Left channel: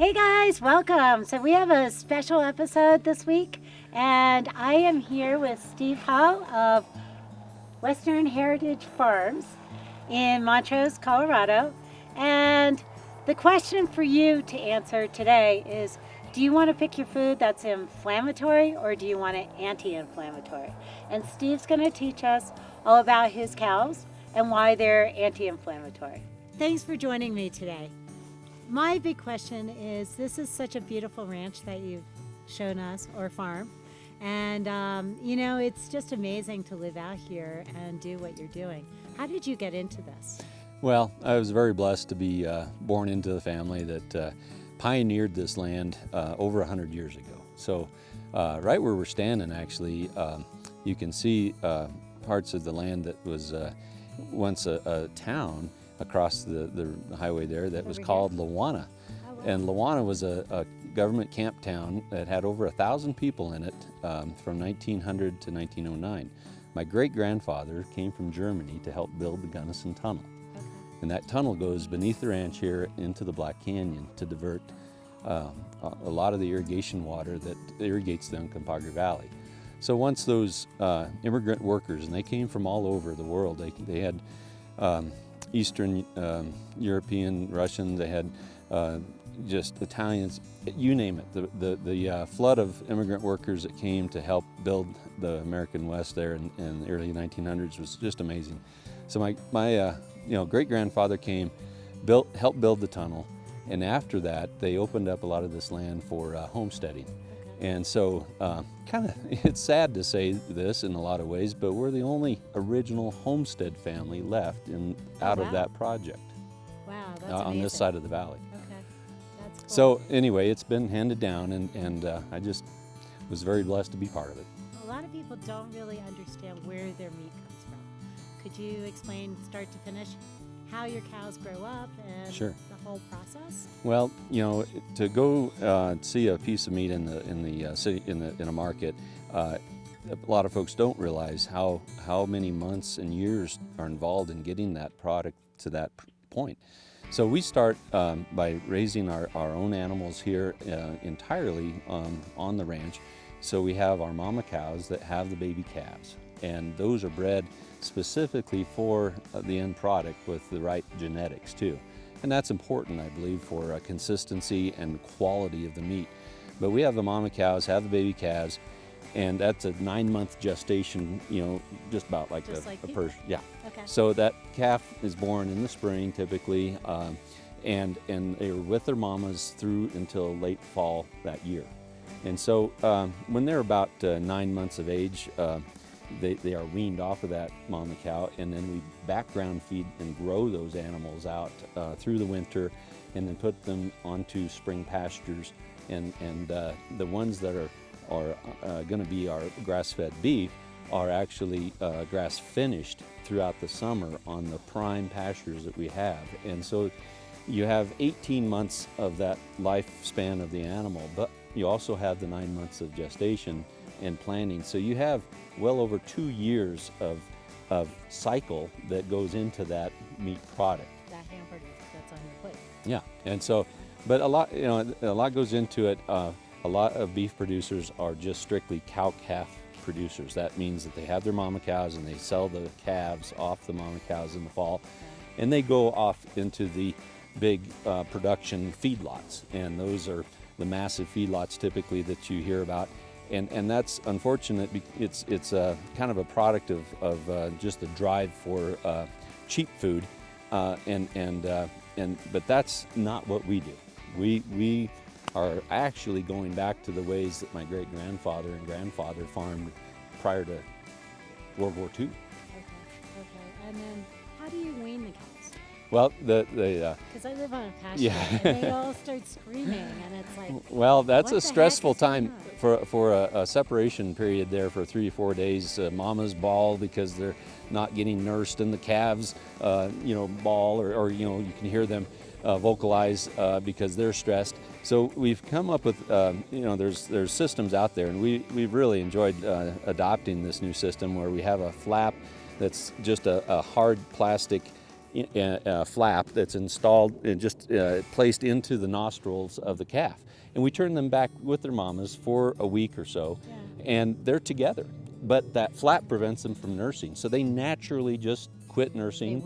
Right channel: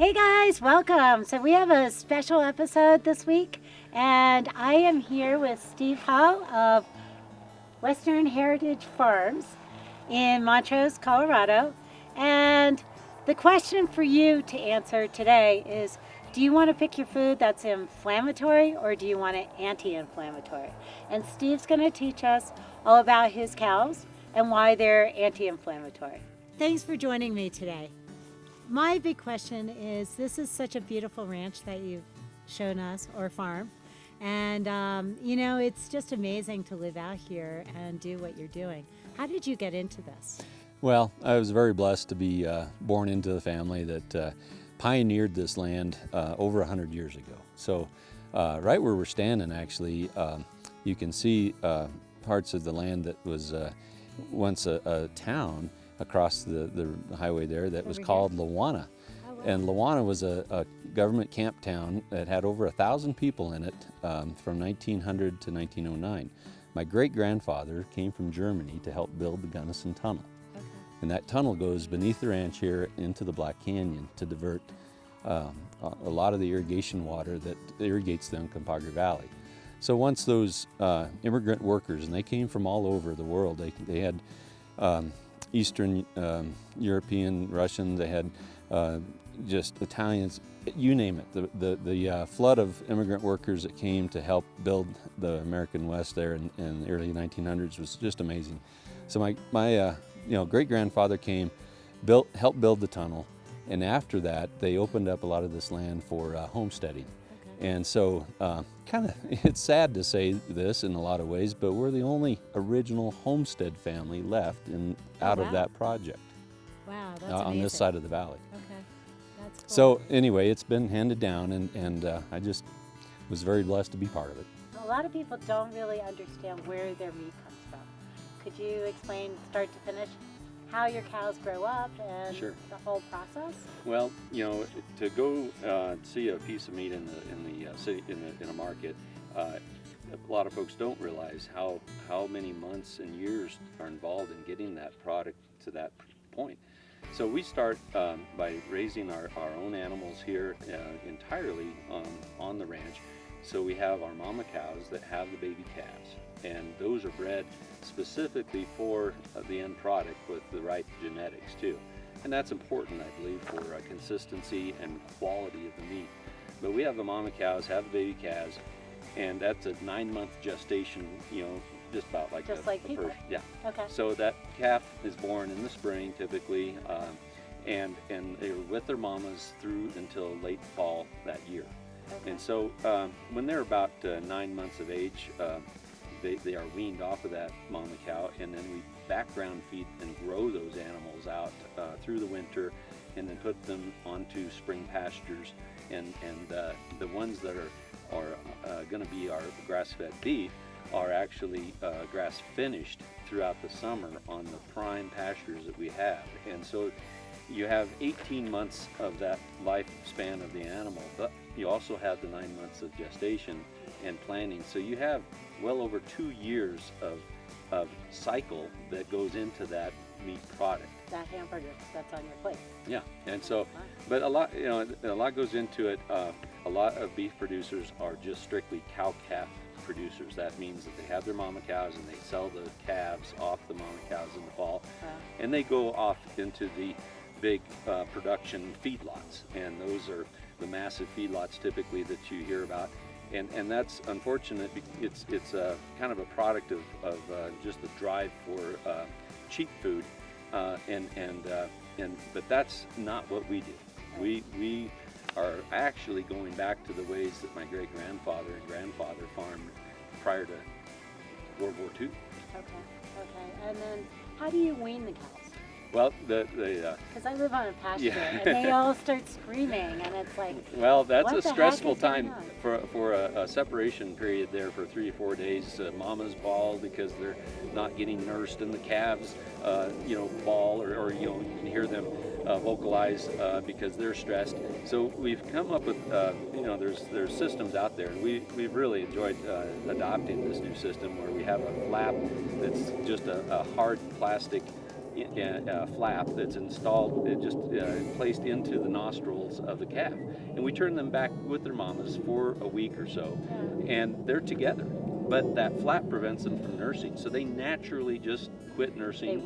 Hey guys, welcome. So we have a special episode this week, and I am here with Steve Hale of Western Herritage Farms in Montrose, Colorado. And the question for you to answer today is, do you want to pick your food that's inflammatory or do you want it anti-inflammatory? And Steve's going to teach us all about his cows and why they're anti-inflammatory. Thanks for joining me today. My big question is, this is such a beautiful ranch that you've shown us, or farm, and it's just amazing to live out here and do what you're doing. How did you get into this? Well, I was very blessed to be born into the family that pioneered this land over 100 years ago. So right where we're standing, actually, you can see parts of the land that was once a town across the highway there that was called Lawana. Oh, wow. And Lawana was a government camp town that had over 1,000 people in it from 1900 to 1909. My great-grandfather came from Germany to help build the Gunnison Tunnel. Okay. And that tunnel goes beneath the ranch here into the Black Canyon to divert a lot of the irrigation water that irrigates the Uncompahgre Valley. So once those immigrant workers, and they came from all over the world, they had Eastern European, Russian, they had just Italians, you name it. The flood of immigrant workers that came to help build the American West there in the early 1900s was just amazing. So my great-grandfather came, helped build the tunnel, and after that they opened up a lot of this land for homesteading. And so, it's sad to say this in a lot of ways, but we're the only original homestead family left out of that project. Wow, that's on amazing. This side of the valley. Okay, that's cool. So anyway, it's been handed down, and I just was very blessed to be part of it. A lot of people don't really understand where their meat comes from. Could you explain, start to finish, how your cows grow up and Sure. the whole process? Well, to go see a piece of meat in the city in a market, a lot of folks don't realize how many months and years are involved in getting that product to that point. So we start by raising our own animals here entirely on the ranch. So we have our mama cows that have the baby calves, and those are bred specifically for the end product with the right genetics too. And that's important, I believe, for consistency and quality of the meat. But we have the mama cows, have the baby calves, and that's a 9-month gestation, just about like Just a like people? person. Yeah. Okay. So that calf is born in the spring typically, and they're with their mamas through until late fall that year. And so when they're about 9 months of age, they are weaned off of that mama cow, and then we background feed and grow those animals out through the winter, and then put them onto spring pastures. And the ones that are going to be our grass-fed beef are actually grass finished throughout the summer on the prime pastures that we have. And so you have 18 months of that lifespan of the animal, but you also have the 9 months of gestation and planning. So you have well over 2 years of cycle that goes into that meat product. That hamburger that's on your plate. Yeah, and so, but a lot goes into it. A lot of beef producers are just strictly cow-calf producers. That means that they have their mama cows and they sell the calves off the mama cows in the fall, and they go off into the big production feedlots, and those are the massive feedlots typically that you hear about. And that's unfortunate. It's kind of a product of just the drive for cheap food, but that's not what we do. We are actually going back to the ways that my great-grandfather and grandfather farmed prior to World War II. Okay. And then how do you wean the cows? Well, Because I live on a pasture, and they all start screaming, and it's like, well, that's what a the heck stressful is going time on? for a separation period there for 3 or 4 days. Mamas bawl because they're not getting nursed, and the calves, bawl, or you can hear them vocalize because they're stressed. So we've come up with, there's systems out there, and we've really enjoyed adopting this new system where we have a flap that's just a hard plastic flap that's installed, just placed into the nostrils of the calf. And we turn them back with their mamas for a week or so, and they're together. But that flap prevents them from nursing, so they naturally just quit nursing.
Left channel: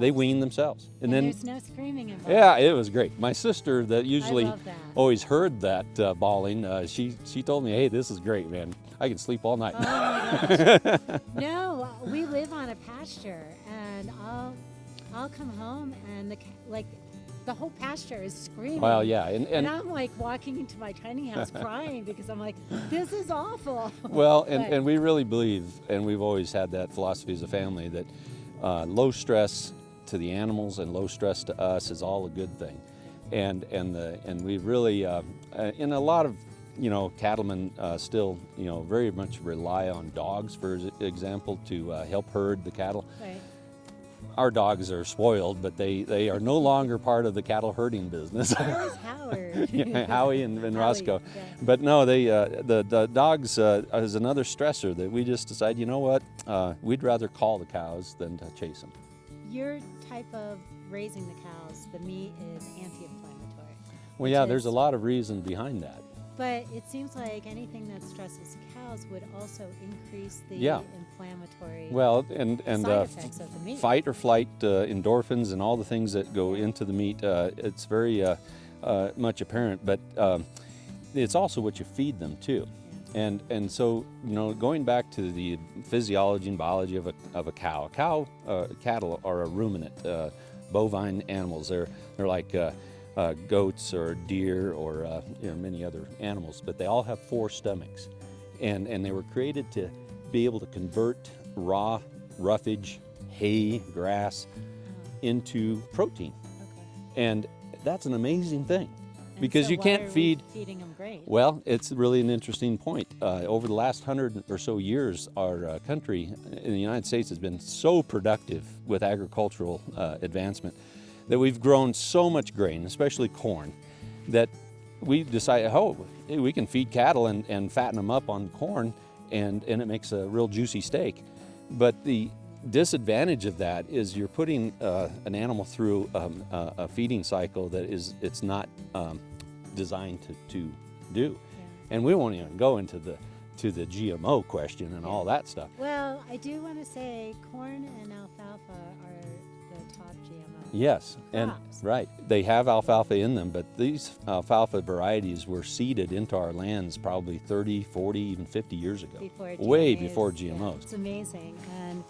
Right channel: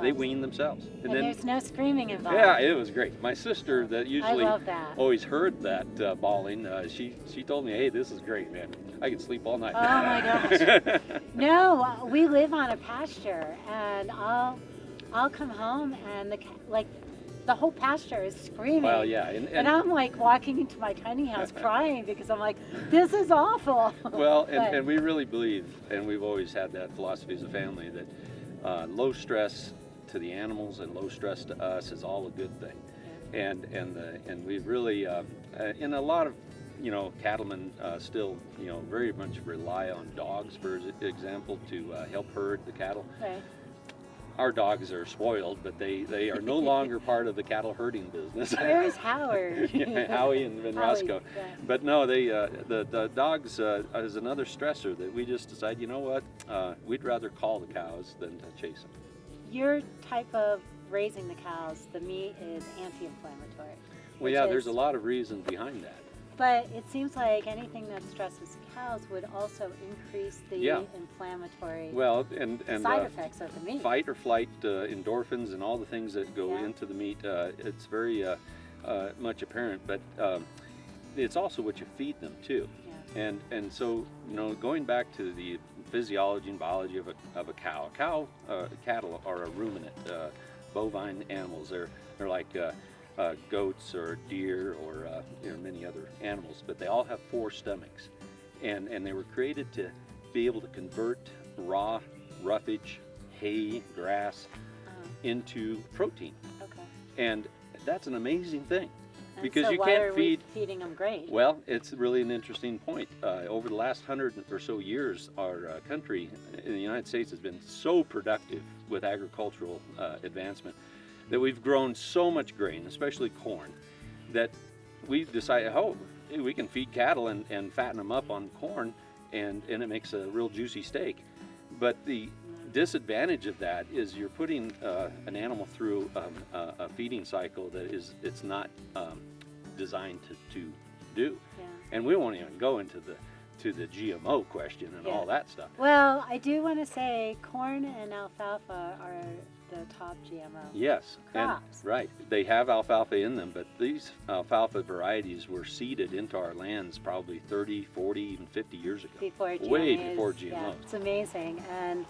They wean themselves. And then there's no screaming involved. Yeah, it was great. My sister, that usually I love that. always heard that bawling, she told me, "Hey, this is great, man. I can sleep all night." Oh my gosh. No, we live on a pasture, and I'll come home and the whole pasture is screaming. Well, yeah, and I'm like walking into my tiny house crying because I'm like, this is awful. Well, and we really believe, and we've always had that philosophy as a family, that low stress to the animals and low stress to us is all a good thing. And we really, in a lot of, cattlemen still, very much rely on dogs, for example, to help herd the cattle. Right. Our dogs are spoiled, but they are no longer part of the cattle herding business. Where's Howard? Yeah, Howie and Roscoe. Yeah. But no, the dogs is another stressor that we just decide, you know what, we'd rather call the cows than to chase them. Your type of raising the cows, the meat is anti-inflammatory. Well, yeah, there's a lot of reason behind that. But it seems like anything that stresses cows would also increase the inflammatory side effects of the meat. Fight or flight, endorphins, and all the things that go into the meat. It's very much apparent, but it's also what you feed them too. Yeah. And so going back to the physiology and biology of a cow. Cattle are a ruminant, bovine animals. They're like goats or deer or many other animals, but they all have 4 stomachs, and they were created to be able to convert raw roughage, hay, grass into protein. Okay. And that's an amazing thing, because so you can't feeding them grain. Well, it's really an interesting point. Over the last 100 or so years, our country in the United States has been so productive with agricultural advancement that we've grown so much grain, especially corn, that we decided, we can feed cattle and fatten them up on corn, and it makes a real juicy steak. But the disadvantage of that is you're putting an animal through a feeding cycle that it's not designed to do. Yeah. And we won't even go into the GMO question and all that stuff. Well, I do want to say corn and alfalfa are the top GMO. Yes, crops. And right. They have alfalfa in them, but these alfalfa varieties were seeded into our lands probably 30, 40, even 50 years ago. Way before GMOs. Yeah, it's amazing. And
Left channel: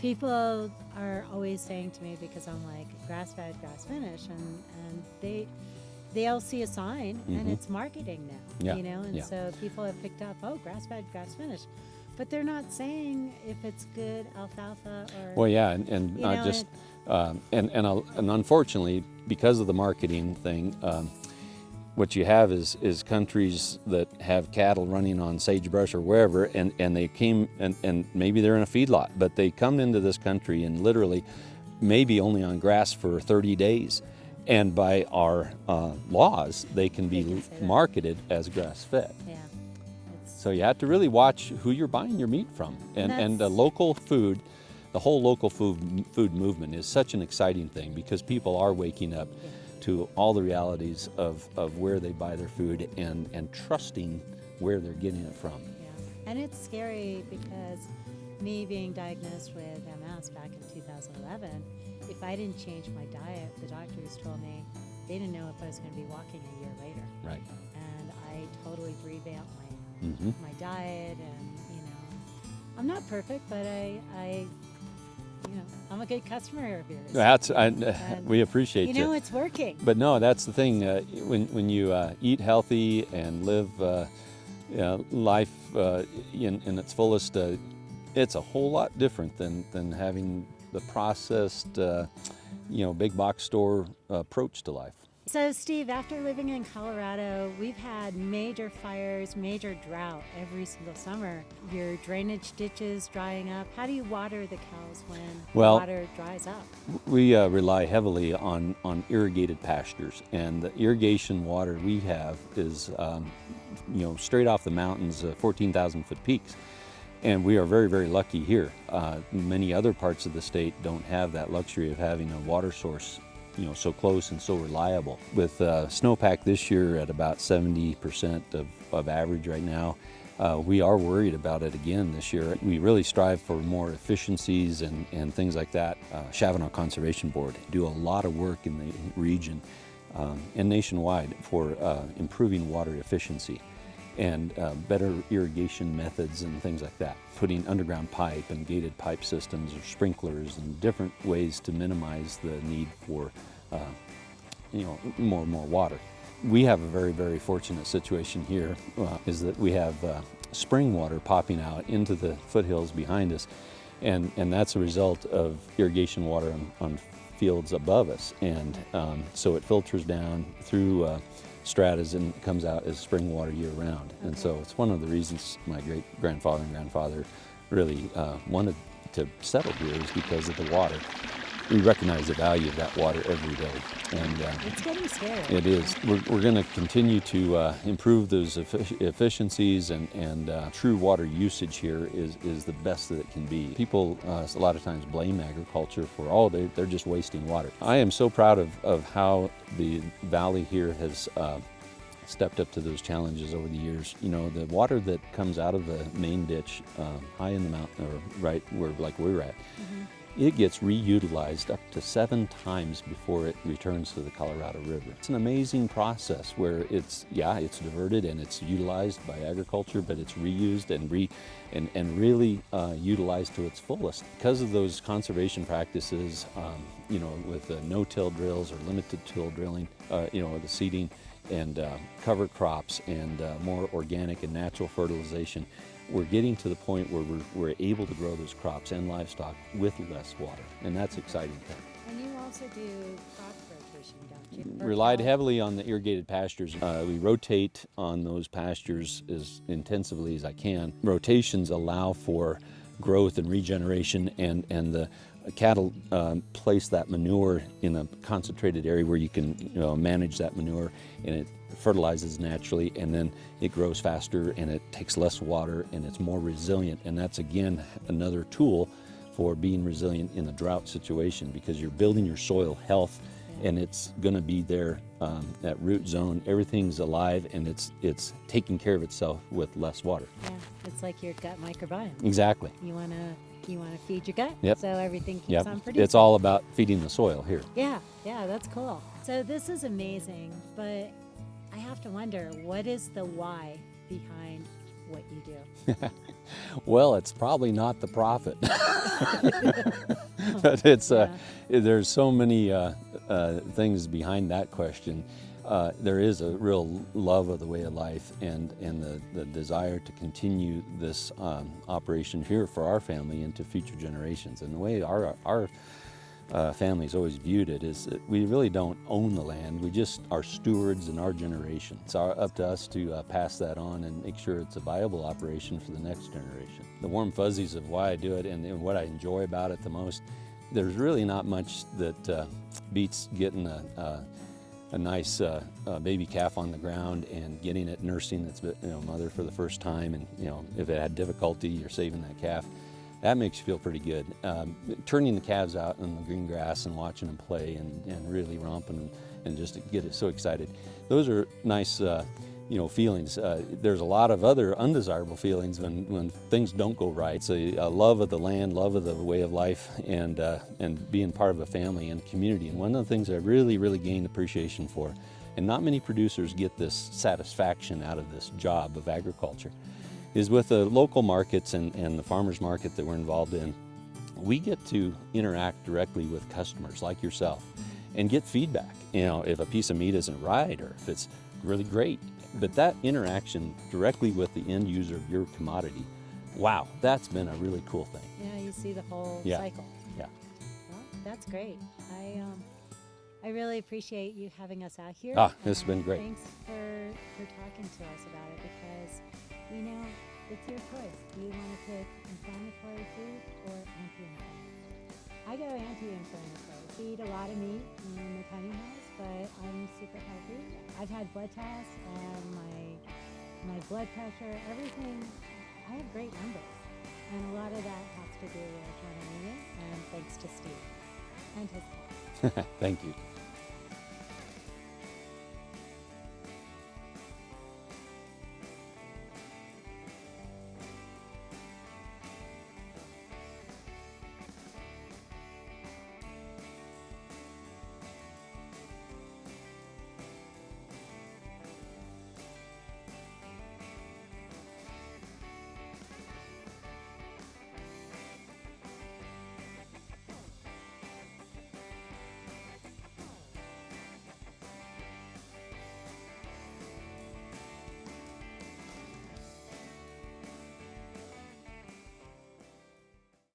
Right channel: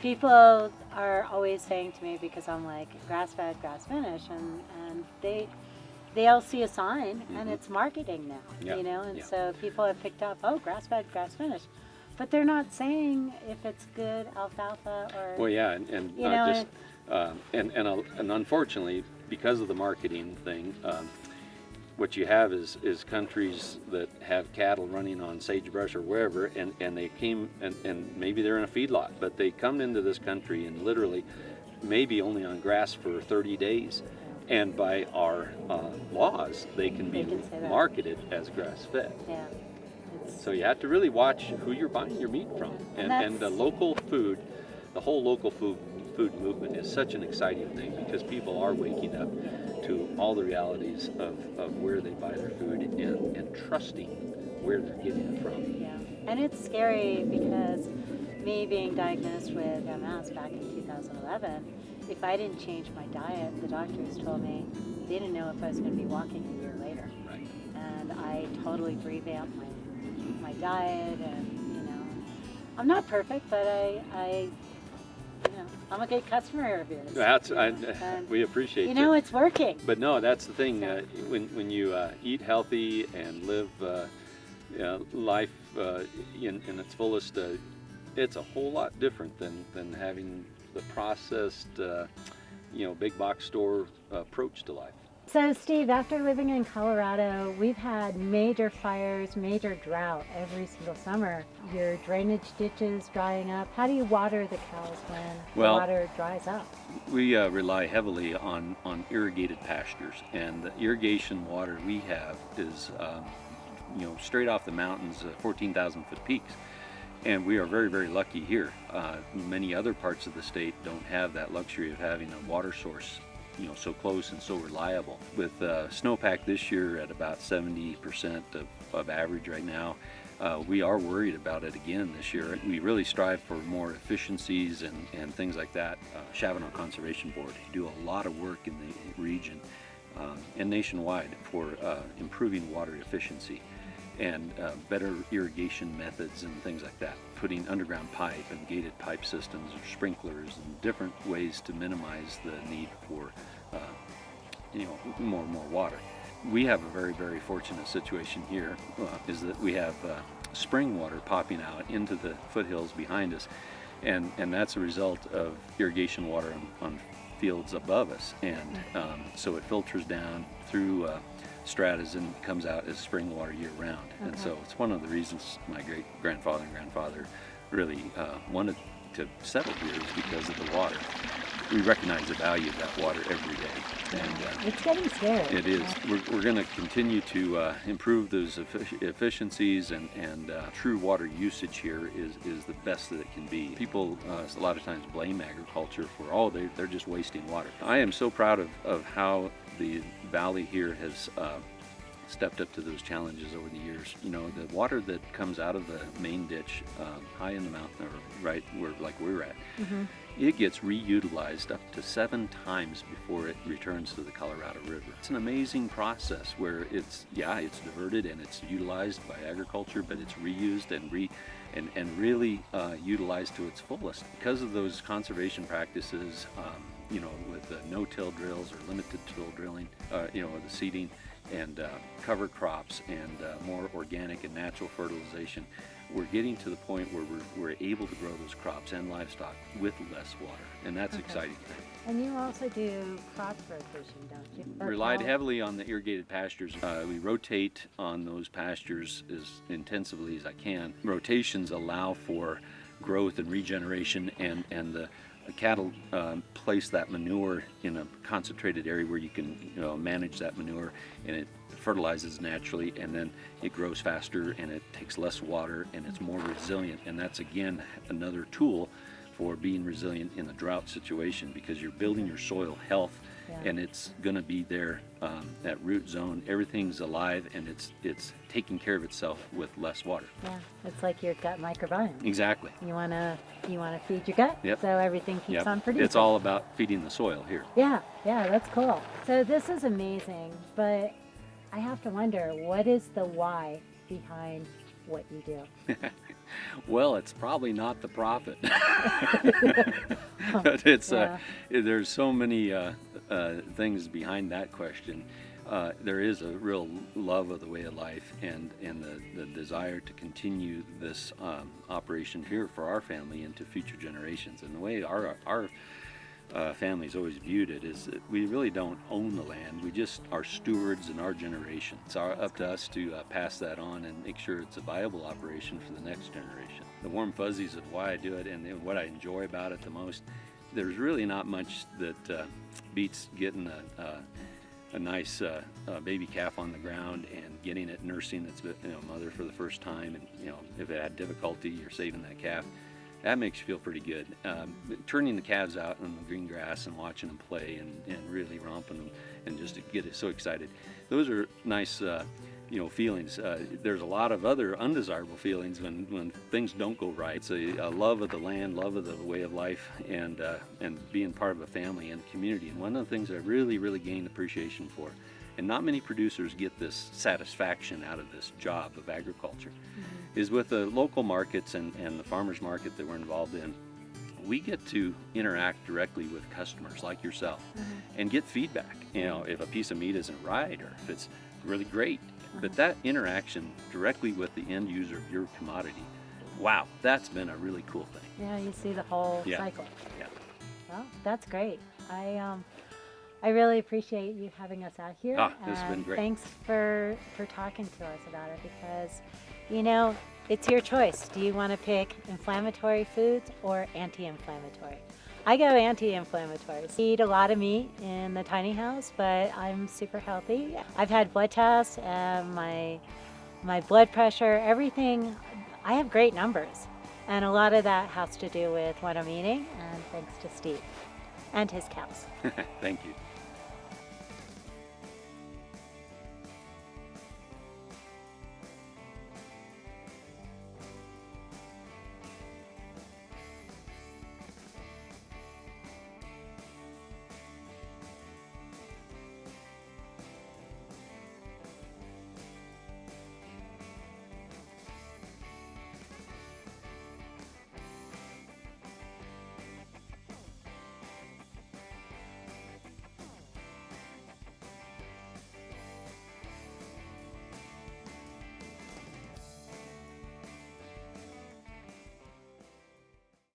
people are always saying to me, because I'm like grass-fed, grass-finished, and they'll see a sign and it's marketing now, and so people have picked up, grass-fed, grass-finished. But they're not saying if it's good alfalfa or... Well, yeah, and unfortunately, because of the marketing thing, what you have is countries that have cattle running on sagebrush or wherever, and they came, and maybe they're in a feedlot, but they come into this country and literally maybe only on grass for 30 days. And by our laws, they can be marketed as grass-fed. Yeah. So you have to really watch who you're buying your meat from. And the local food, the whole local food movement is such an exciting thing, because people are waking up to all the realities of where they buy their food and trusting where they're getting it from. Yeah. And it's scary, because me being diagnosed with MS back in 2011, if I didn't change my diet, the doctors told me they didn't know if I was going to be walking a year later. Right. And I totally revamped my diet, and I'm not perfect, but I'm a good customer of yours. We appreciate it. It's working. But no, that's the thing. When you eat healthy and live life in its fullest, it's a whole lot different than having the processed, big box store approach to life. So Steve, after living in Colorado, we've had major fires, major drought every single summer. Your drainage ditches drying up. How do you water the cows when the water dries up? We rely heavily on irrigated pastures, and the irrigation water we have is straight off the mountains, 14,000 foot peaks. And we are very, very lucky here. Many other parts of the state don't have that luxury of having a water source, so close and so reliable. With snowpack this year at about 70% of average right now, we are worried about it again this year. We really strive for more efficiencies and things like that. Chavano Conservation Board do a lot of work in the region and nationwide for improving water efficiency and better irrigation methods and things like that. Putting underground pipe and gated pipe systems or sprinklers and different ways to minimize the need for more and more water. We have a very, very fortunate situation here, is that we have spring water popping out into the foothills behind us, and that's a result of irrigation water on fields above us, and so it filters down through stratas and comes out as spring water year round. Okay. And so it's one of the reasons my great grandfather and grandfather really wanted to settle here, is because of the water. We recognize the value of that water every day, and it's getting scary. It is. We're going to continue to improve those efficiencies, and true water usage here is the best that it can be. People a lot of times blame agriculture for they're just wasting water. I am so proud of how the valley here has stepped up to those challenges over the years. The water that comes out of the main ditch high in the mountain, or right where like we're at, mm-hmm. It gets reutilized up to 7 times before it returns to the Colorado River. It's an amazing process where it's diverted and it's utilized by agriculture, but it's reused and really utilized to its fullest. Because of those conservation practices, with the no-till drills or limited till drilling, with the seeding and cover crops and more organic and natural fertilization, we're getting to the point where we're able to grow those crops and livestock with less water, and that's exciting. And you also do crop rotation, don't you? Relied heavily on the irrigated pastures. We rotate on those pastures as intensively as I can. Rotations allow for growth and regeneration, and the cattle place that manure in a concentrated area where you can manage that manure, and it fertilizes naturally, and then it grows faster and it takes less water and it's more resilient. And that's again another tool for being resilient in a drought situation, because you're building your soil health, and it's going to be there at root zone. Everything's alive, and it's taking care of itself with less water. Yeah, it's like your gut microbiome. Exactly. You want to feed your gut, yep. So everything keeps on producing. It's all about feeding the soil here. Yeah, that's cool. So this is amazing, but I have to wonder, what is the why behind what you do? Well, it's probably not the profit. But it's there's so many things behind that question. There is a real love of the way of life, and the desire to continue this operation here for our family into future generations. And the way our family's always viewed it is that we really don't own the land. We just are stewards in our generation. It's up to us to pass that on and make sure it's a viable operation for the next generation. The warm fuzzies of why I do it and what I enjoy about it the most, there's really not much that beats getting a nice baby calf on the ground and getting it nursing its mother for the first time, and if it had difficulty, you're saving that calf. That makes you feel pretty good. Turning the calves out in the green grass and watching them play and really romping them and just get it so excited. Those are nice feelings. There's a lot of other undesirable feelings when things don't go right. So love of the land, love of the way of life, and being part of a family and community. And one of the things I really, really gained appreciation for, and not many producers get this satisfaction out of this job of agriculture, is with the local markets and the farmers market that we're involved in. We get to interact directly with customers like yourself and get feedback. If a piece of meat isn't right or if it's really great. But that interaction directly with the end user of your commodity, wow, that's been a really cool thing. Yeah, you see the whole cycle. Yeah. Well, that's great. I really appreciate you having us out here. This has been great. Thanks for talking to us about it, because it's your choice. Do you want to pick inflammatory foods or anti-inflammatory? I go anti-inflammatory. I eat a lot of meat in the tiny house, but I'm super healthy. I've had blood tests, my blood pressure, everything. I have great numbers. And a lot of that has to do with what I'm eating, and thanks to Steve and his cows. Thank you.